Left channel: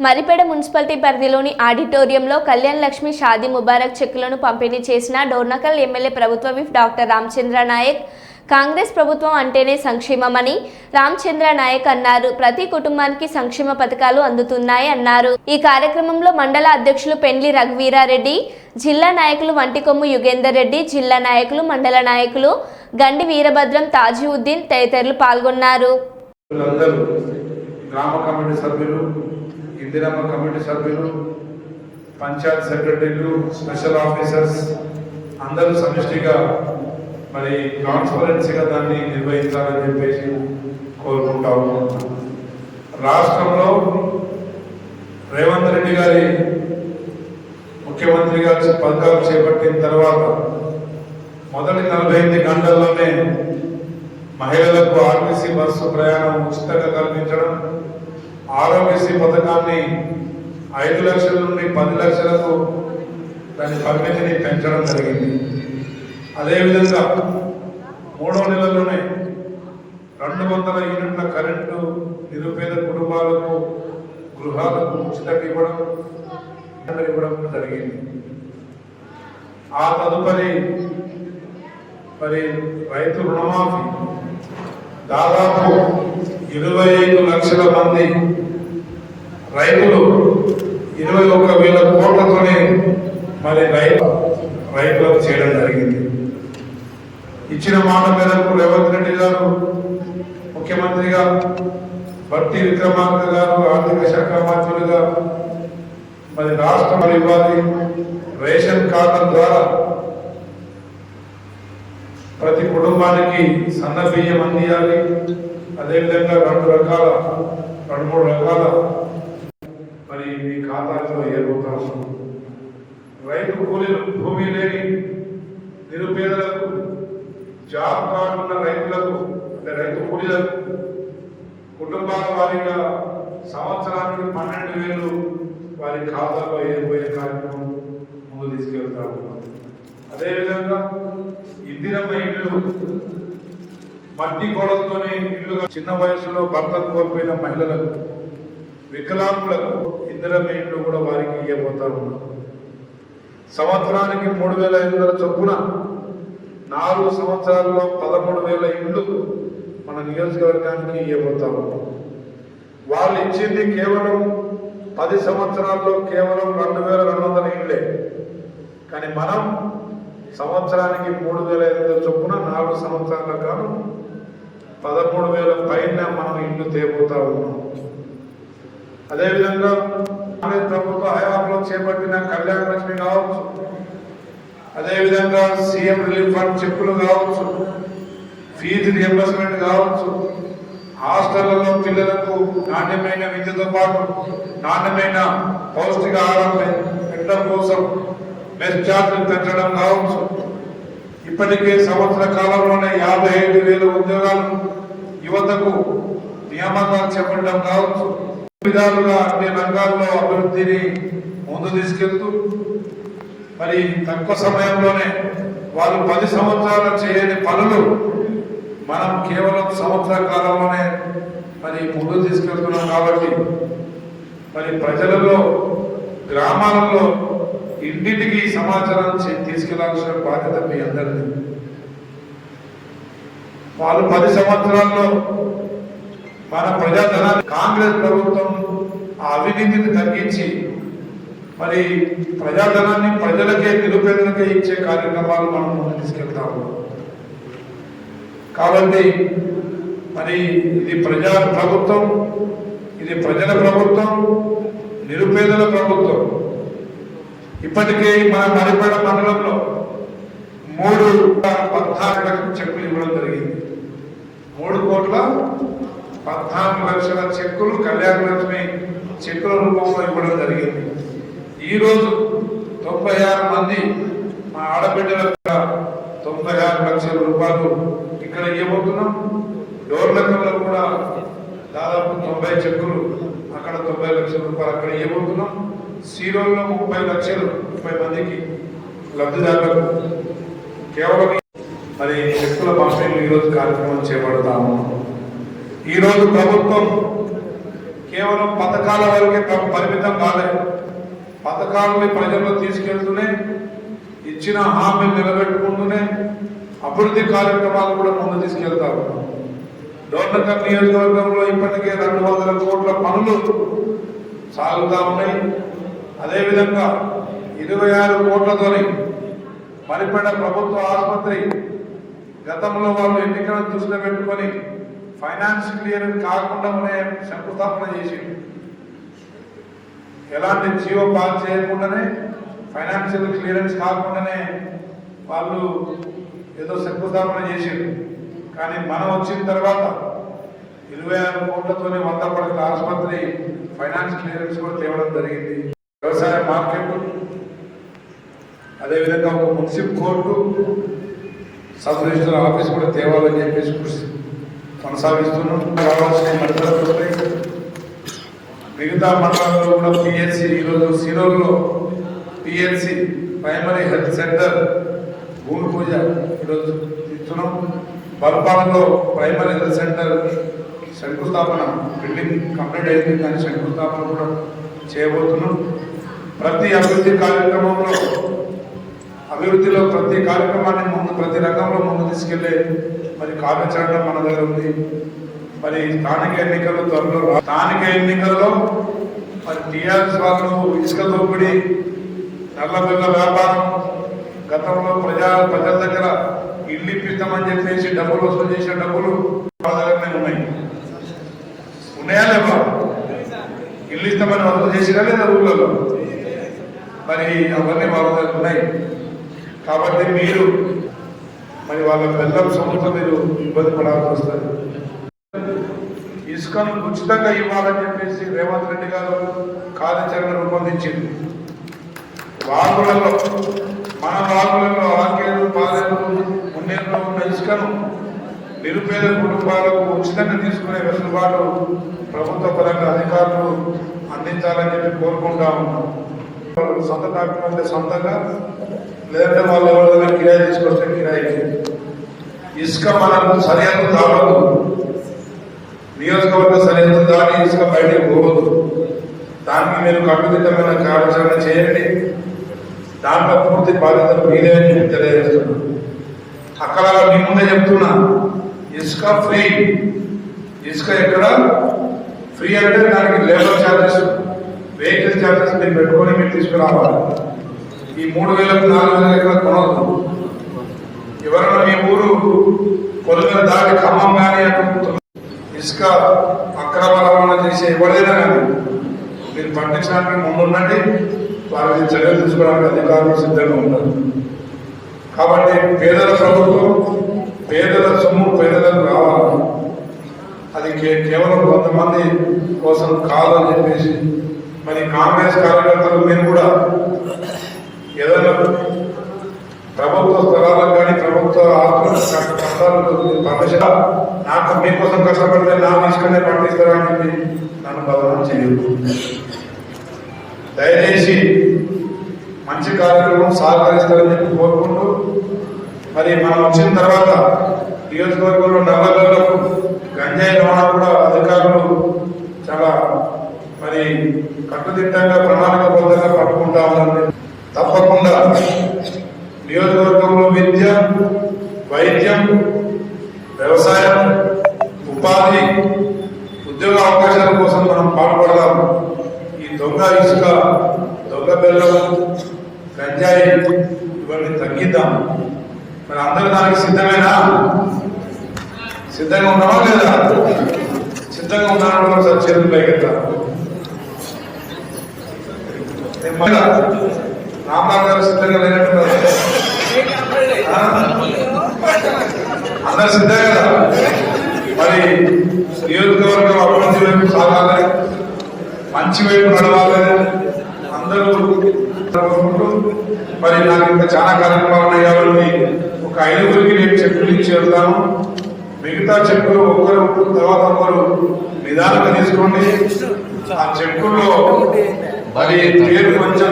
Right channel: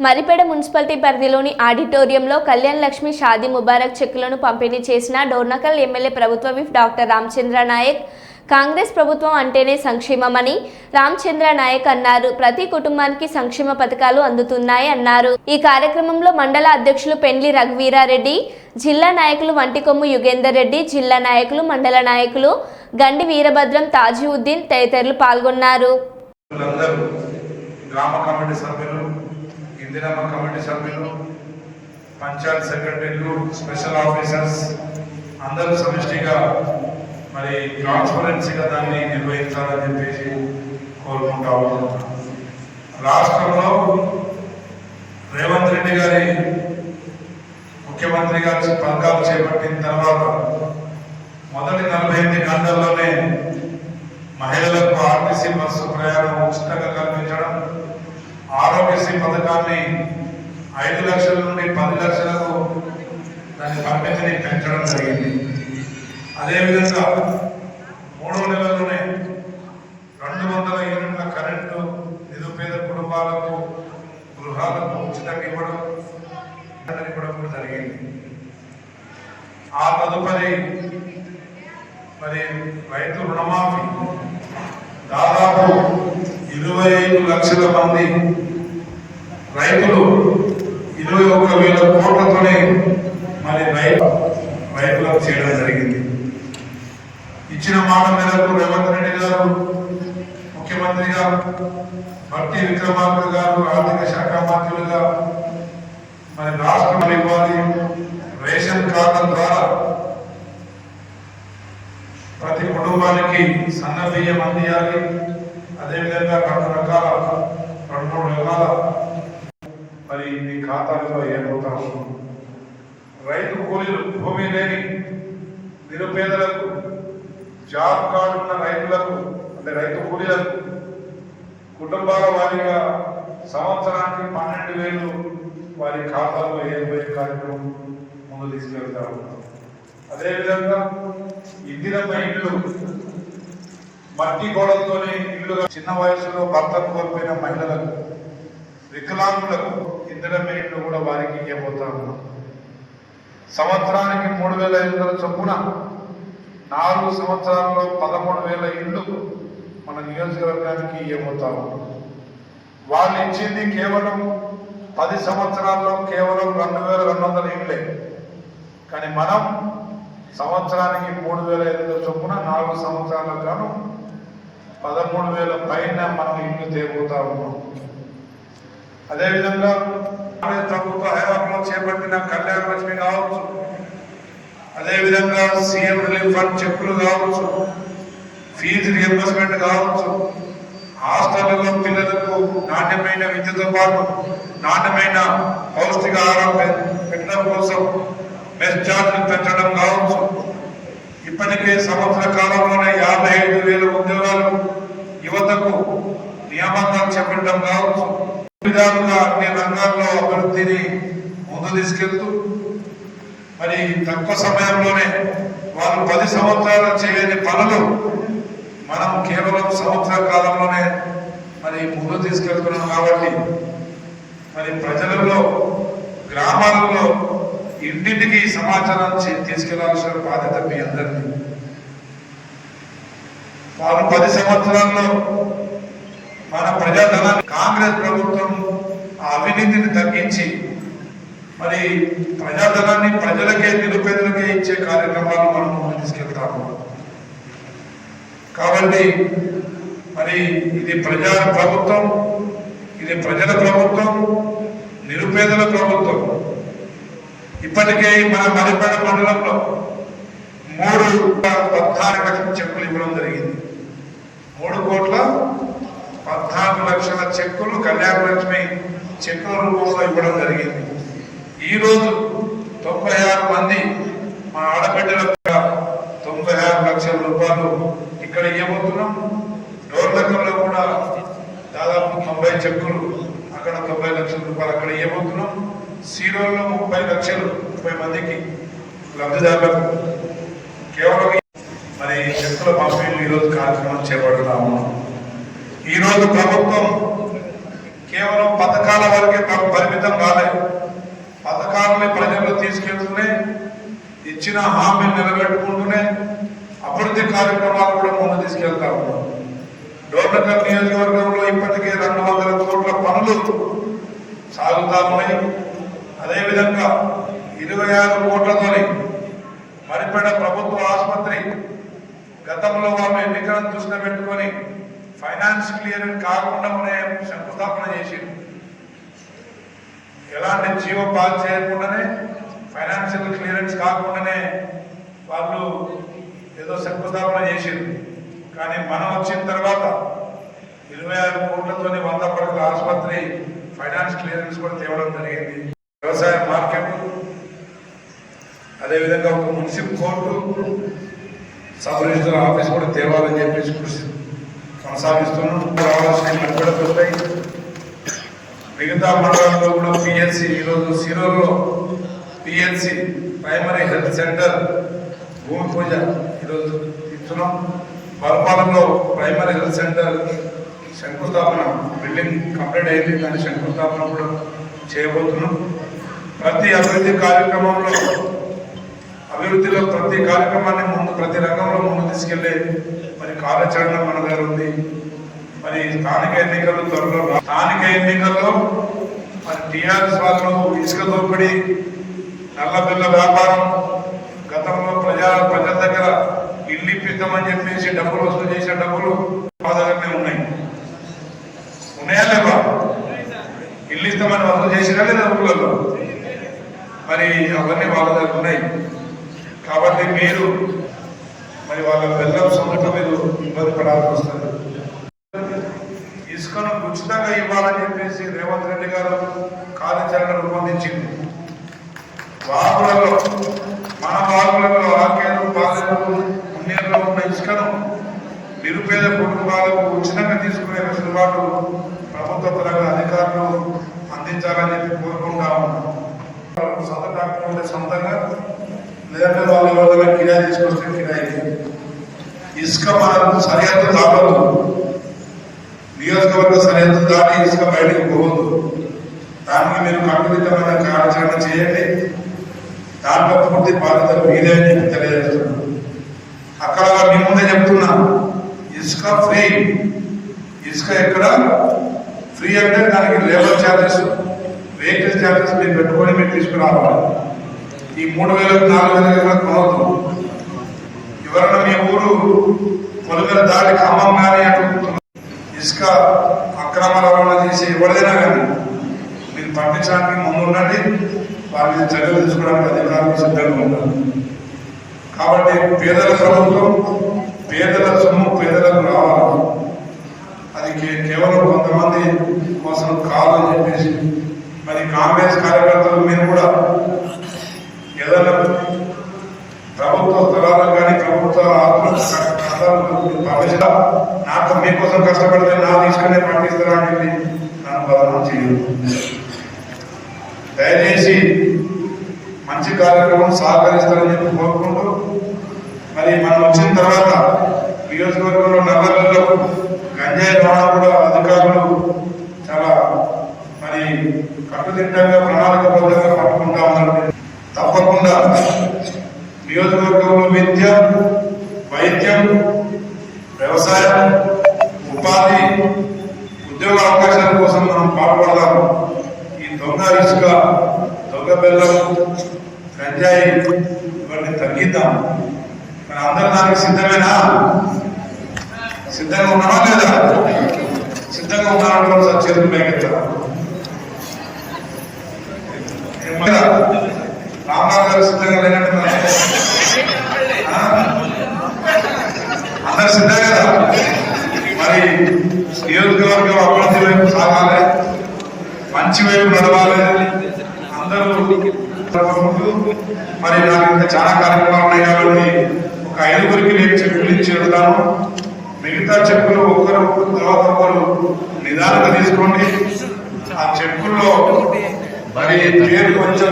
Maripeda municipality పరిధిలోని ఆడిటోరియంలో కళ్యాణ్ లక్ష్మి షాదీ ముబారక్ చెక్కులను పంపిణీ చేసిన డోర్నకల్ ఎమ్మెల్యే ప్రభుత్వ విప్ డాక్టర్ రామచంద్ర నాయక్. కాంగ్రెస్ ప్రభుత్వం అంటేనే సంక్షేమమని రామచంద్ర నాయక్ అన్నారు. ప్రతి కుటుంబానికి సంక్షేమ పథకాలు అందుతున్నాయి అన్నారు. ఈ కార్యక్రమంలో మండల అధ్యక్షులు పెండ్లి రఘువీరారెడ్డి జిల్లా నాయకులు వంటికొమ్ము యుగేందర్ రెడ్డి జిల్లా నాయకులు మండల నాయకులు గండి వీరభద్రం తాజుద్దీన్ తదితరులు పాల్గొన్నారు. గ్రామ కమిటీ సభ్యులు ఇందిరమ్మ కమిటీ సభ్యులు పంచాయత్ సెక్రటరీలు స్పెషల్ ఆఫీసర్స్ అందరూ సమిష్టిగా మరి ట్రాన్స్పరెన్సీగా దాన్ని నిర్వహించాలని చెప్పేసి కోరుకుంటా రాష్ట్రంలో రేవంత్ రెడ్డి గారి ముఖ్యమంత్రి గారి పథకాలు చేపట్టిన తర్వాత మొదటి నలభై ఎనిమిది గంటల్లోనే మహిళలకు ఆర్టీసీ బస్సు ప్రయాణం ఉచితంగా కల్పించడం ఆరోగ్యశ్రీ పథకాన్ని ఐదు లక్షల నుండి పది లక్షలకు దాని పరిమితిని పెంచడం జరిగింది. అదేవిధంగా మూడో నెలలోనే రెండు వందల యూనిట్ల కరెంటు నిరుపేద కుటుంబాలకు గృహాలకు ఉచితంగా ఇవ్వడం ఇవ్వడం జరిగింది. ఆ తదుపరి మరి రైతు రుణమాఫీ దాదాపు ఇరవై ఐదు లక్షల మంది రైతులు ఇరవై ఒక్క వేల కోట్లతోనే మరి రైతు రైతులకు చేయడం జరిగింది. ఇచ్చిన మాట మేరకు రేవంత్ రెడ్డి గారు ముఖ్యమంత్రిగా బట్టి విక్రమార్క గారు ఆర్థిక శాఖ మంత్రులుగా మరి రాష్ట్రం ఇవ్వాలి. రేషన్ కార్డుల ద్వారా ప్రతి కుటుంబానికి సన్న బియ్యం అందియాలి. అదేవిధంగా రెండు రకాల రెండు మూడు రకాల మీ ఖాతాలో ఏర్పడతా ఉంది రైతు కూలీలు భూమి లేని నిరుపేదలకు జాబ్ కార్డు ఉన్న రైతులకు అంటే రైతు కూలీలకు కుటుంబాల వారీగా సంవత్సరానికి పన్నెండు వేలు వారి ఖాతాలో ఏర్పడే కార్యక్రమం ముందు తీసుకెళ్తా ఉన్నాం. అదేవిధంగా ఇందిరమ్మ ఇల్లు మట్టి గోడలతోని ఇల్లుగా చిన్న వయసులో భర్తను కోల్పోయిన మహిళలకు వికలాంగులకు ఇతర పేర్లు కూడా వారికి ఇవ్వబోతాము సంవత్సరానికి మూడు వేల ఐదు వందల చొప్పున నాలుగు సంవత్సరాల్లో పదమూడు వేల ఇల్లు మన నియోజకవర్గానికి ఇవ్వబోతాము వాళ్ళు ఇచ్చింది కేవలం పది సంవత్సరాల్లో కేవలం రెండు వేల రెండు వందల ఇళ్ళే కానీ మనం సంవత్సరానికి మూడు వేల ఐదు చొప్పున నాలుగు సంవత్సరాల కాను పదమూడు వేల పైన మనం ఇల్లు తేబోతా ఉన్నాం. అదేవిధంగా కాంగ్రెస్ ప్రభుత్వ హయాంలో చేపట్టిన కళ్యాణ లక్ష్మి కావచ్చు. అదేవిధంగా సీఎం రిలీఫ్ ఫండ్ చెక్కులు కావచ్చు. ఫీజు రియంబర్స్మెంట్ కావచ్చు. హాస్టళ్ళలో పిల్లలకు నాణ్యమైన విద్యతో పాటు నాణ్యమైన పౌష్టికాహారం పె- పెట్టడం కోసం బెస్ట్ ఛార్జ్ పెంచడం కావచ్చు. ఇప్పటికే సంవత్సర కాలంలోనే యాభై ఐదు వేల ఉద్యోగాలు యువతకు నియామకాలు చెప్పడం కావచ్చు. విధాలుగా అన్ని రంగాల్లో అభివృద్ధిని ముందు తీసుకెళ్తూ మరి తక్కువ సమయంలోనే వారు పది సంవత్సరాలు చేయని పనులు మనం కేవలం సంవత్సర కాలంలోనే మరి ముందు తీసుకెళ్తున్నాం కాబట్టి మరి ప్రజలలో గ్రామాలలో ఇంటింటికి సమాచారం తీసుకెళ్ళాల్సిన బాధ్యత మీ అందరినీ వారు పది సంవత్సరాల్లో మన ప్రజాధనాన్ని కాంగ్రెస్ ప్రభుత్వం అవినీతిని తగ్గించి మరి ప్రజాధనాన్ని ప్రజలకే నిరుపేదలకే ఇచ్చే కార్యక్రమాలు మనం తీసుకెళ్తాము కాబట్టి మరి ఇది ప్రజా ప్రభుత్వం ఇది ప్రజల ప్రభుత్వం నిరుపేదల ప్రభుత్వం. ఇప్పటికే మన మరిపడ మండలంలో మూడు పద్నాలుగు లక్షల చెక్కులు ఇవ్వడం జరిగింది. మూడు కోట్ల పద్నాలుగు లక్షల చెక్కులు కళ్యాణ లక్ష్మి చెక్కుల రూపంలో ఇవ్వడం జరిగింది. ఈరోజు తొంభై ఆరు మంది మా ఆడబిడ్డలకు తొంభై ఆరు లక్షల రూపాయలు ఇక్కడ ఇవ్వబోతున్నాం. డోర్లకంలో కూడా దాదాపు తొంభై చెక్కులు అక్కడ తొంభై లక్షల రూపాయలు అక్కడ ఇవ్వబోతున్నాం. సీరోల్లో ముప్పై లక్షలు ముప్పై మందికి లబ్ధిదారులకు కేవలం మరి చెక్కుల పంపిణీ ఈరోజు కార్యక్రమం చేపడతాము ఈరోజు ప్రభుత్వం కేవలం పథకాల వరకే పరిమితం కాలేదు పథకాలని ప్రజల్లో తీసుకెళ్తూనే ఇచ్చిన హామీలు నిలబెట్టుకుంటూనే అభివృద్ధి కార్యక్రమాలు కూడా ముందు తీసుకెళ్తా ఉన్నాం. డోర్నకల్ నియోజకవర్గంలో ఇప్పటికే రెండు వందల కోట్ల పనులు సాగుతా ఉన్నాయి. అదేవిధంగా ఇరవై ఆరు కోట్లతోని మరిపేట ప్రభుత్వ ఆసుపత్రి గతంలో వాళ్ళు ఎన్నికలను దృష్టి పెట్టుకొని ఫైనాన్స్ క్లియర్ కాకుండానే శంకుస్థాపన చేసిండు. ఎలాంటి జీవో పాస్ చేయకుండానే ఫైనాన్షియల్ క్లియరెన్స్ కాకుండానే వాళ్ళు ఏదో శంకుస్థాపన చేసింది కానీ మనం వచ్చిన తర్వాత ఇరవై ఆరు కోట్లతోని వంద పడకల ఆసుపత్రి ఫైనాన్స్ క్లియరెన్స్ కూడా తేవడం జరిగింది. వ్యవసాయ మార్కెట్ అదేవిధంగా ఒక municipal court sub register office కూడా తేవాలని చెప్పేసి కృషి కొనసాగిస్తున్నాం రావాల్సిన కూడా పూర్తయి మిగతా మండలంలో కూడా పిఎన్సి ఈరోజు సిరోలో పిఎన్సి ప్రైమరీ హెల్త్ సెంటర్ భూమి పూజ ఈరోజు ఇస్తున్నాం. బల్పాలలో ప్రైమరీ హెల్త్ సెంటర్ శంకుస్థాపన బిల్డింగ్ కంప్లీట్ అయింది. కానీ శంకుస్థాపన కూడా చేయబోతున్నాం. ప్రతి అభివృద్ధి కార్యక్రమంలో అభివృద్ధిలో ప్రతి కార్యక్రమాన్ని ముందు ప్రతి రంగంలో ముందు తీసుకెళ్ళే మరి కార్యాచరణ మన దగ్గర ఉంది. మరి స్థానిక ఎన్నికలు త్వరలో స్థానిక ఎన్నికల్లో మరి టీఆర్ఎస్ వాళ్ళు ఇసుక దోపిడీ నల్ల బిల్ల వ్యాపారం గతంలో ప్రజా ప్రజల దగ్గర ఇల్లు ఇప్పిద్దామని చెప్పేసి డబ్బులు వసూలు చేసే డబ్బులు మా దగ్గరనే ఉన్నాయి. ఉన్నాయా లేవా? ఇల్లు ఇస్తామని వసూలు చేసినా లేదా ఊళ్ళలో మరి అవన్నీ వాళ్ళ దగ్గర ఉన్నాయి. కాబట్టి మీరు మరి వాళ్ళ పిల్లల సొంత మీరు ఇబ్బంది పడాల్సి వస్తుంది ఇసుకను ఉచితంగా ఇవ్వాలని చెప్పేసి రేవంత్ రెడ్డి గారు కార్యాచరణ రూపొందించింది వాహనాలలో మన వాహనాలలో ఆకేరు పాలేరు ఉన్నీరులో ఉన్న ఇసుకను నిరుపేద కుటుంబాలకు ఉచితంగా తీసుకునే వెసులుబాటు ప్రభుత్వ పరంగా అధికారులు అందించాలని చెప్పి కోరుకుంటా ఉన్నాం. సొంత డాక్టర్ సొంతంగా లేదంటే వాళ్ళ వాళ్ళ కిరాయి తీసుకొస్తే కిరాయి ఇసుక మనం సరైన దాడదు నియోజకవర్గ సరైన దాడి ఇసుక బయటకు పోవద్దు దానికి మీరు కట్టుదిట్టమైన కార్యాచరణ చేయండి. దాంట్లో పూర్తి బాధ్యత మీదే అని చెప్పి తెలియజేస్తున్నాను. అక్కడ మీ ముందే చెప్తున్నా. ఇసుక ఫ్రీ. ఇసుక ఎక్కడ? ఫ్రీ అంటే దానికి లేబర్ ఛార్జెస్ వెహికల్ ఛార్జెస్ మీరు పెట్టుకొని మీరు తీసుకురావాలి. ఈ మూడు వేల నాలుగు వేల కన్నా కొనవద్దు ఎవరైనా మీ ఊరు కొలుగుల దారి ఖమ్మం కానీ అనుకుంటున్నారు. ఇసుక అక్రమ రవాణా చేసి ఎవరిదైనా కానీ మీరు పట్టించడానికి ముందుండండి వారిని చర్యలు తీసుకోవడానికి అధికారులు సిద్ధంగా ఉన్నారు. కాబట్టి పేదల ప్రభుత్వం పేదల సొమ్ము పేదలకు కావాలి అది కేవలం కొంతమంది కోసం కాదని చెప్పేసి మరి కాంగ్రెస్ కార్యకర్తలు మీరు కూడా కానీ ప్రభుత్వ ఆత్మ నాకు మీకోసం కష్టపడతాను నా తీసుకునే పండిస్తారా నన్ను బదనం చేయదు దయచేసి మంచి కార్యక్రమం సహకరిస్తారని కోరుకుంటూ మరి మనం వచ్చిన తర్వాత నియోజకవర్గంలో నల్లగొల్లకు గంజాయి రవాణా అధికారులు చాలా మరి కట్టుదిట్టంగా ప్రణాళికబద్ధంగా పట్టుకుంటా ఉన్నారు తప్పకుండా నియోజకవర్గంలో విద్య వైద్యం వ్యవసాయం ఉపాధి ఉద్యోగ అవకాశాల కోసం మనం పాల్పడదాం ఈ దొంగ ఇసుక దొంగ బెల్లం గంజాయి ఇవన్నీ తగ్గిద్దాం. మన అందరూ దానికి సిద్ధమేనా? సిద్ధంగా ఉన్నామా లేదా? సిద్ధంగా ఉన్నామా చేతులు పైకెత్తాం. రామారావు సిద్ధంగా లేనట్టు మరి. ఆ? కదా? మరి నియోజకవర్గం అభివృద్ధి వైపు సాగాలి మంచి వైపు నడవాలి అందరూ మరి నాకు ఇంకా చాలా కార్యక్రమాలు ఒక ఐదుగురికి నేను చెప్పులు ఇచ్చి మిగతా చెప్పులు ఒక్కరు తర్వాత ఒకరు నిదానంగా తీసుకోండి ఆ చెప్పుల్లో మరి పేరు కొంచెం